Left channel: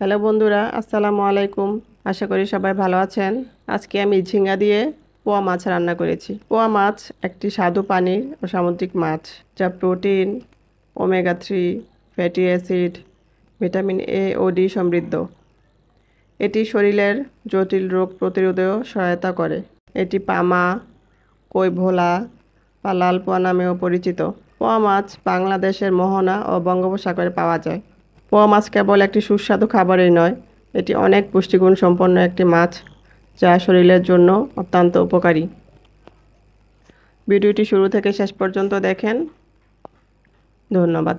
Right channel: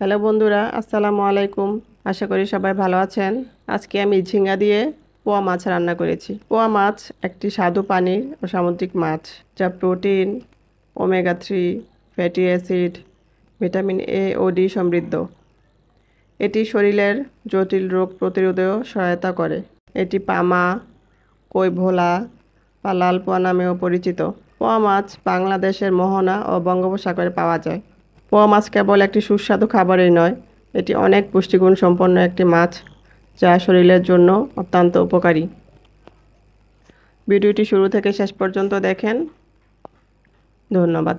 Hello বন্ধুরা, আসসালামু আলাইকুম। আশা করি সবাই ভালো আছেন। আজকে আমি ঝিঙ্গা দিয়ে পোয়া মাছ রান্না করেছি। পোয়া মাছ একটি স্বাদু পানির ও সামুদ্রিক মাছ, যা protein, omega 3, fatty acid, vitamin A ও ডি সমৃদ্ধ। এটি শরীরের জটিল রোগ প্রতিরোধেও সহায়তা করে। এটি পামা, কই ভোলা বা লাল পোয়া নামেও পরিচিত। পোয়া মাছ বাংলাদেশের মোহনা ও বঙ্গোপসাগরে পাওয়া যায়। পোয়া মাছ কেবল একটি সুস্বাদু খাবারই নয়, এটি অনেক পুষ্টিগুণ সম্পন্ন একটি মাছ, যা শরীরের জন্য অত্যন্ত উপকারী। ভিডিওটি শুরু থেকে শেষ পর্যন্ত দেখেন। ধন্যবাদ।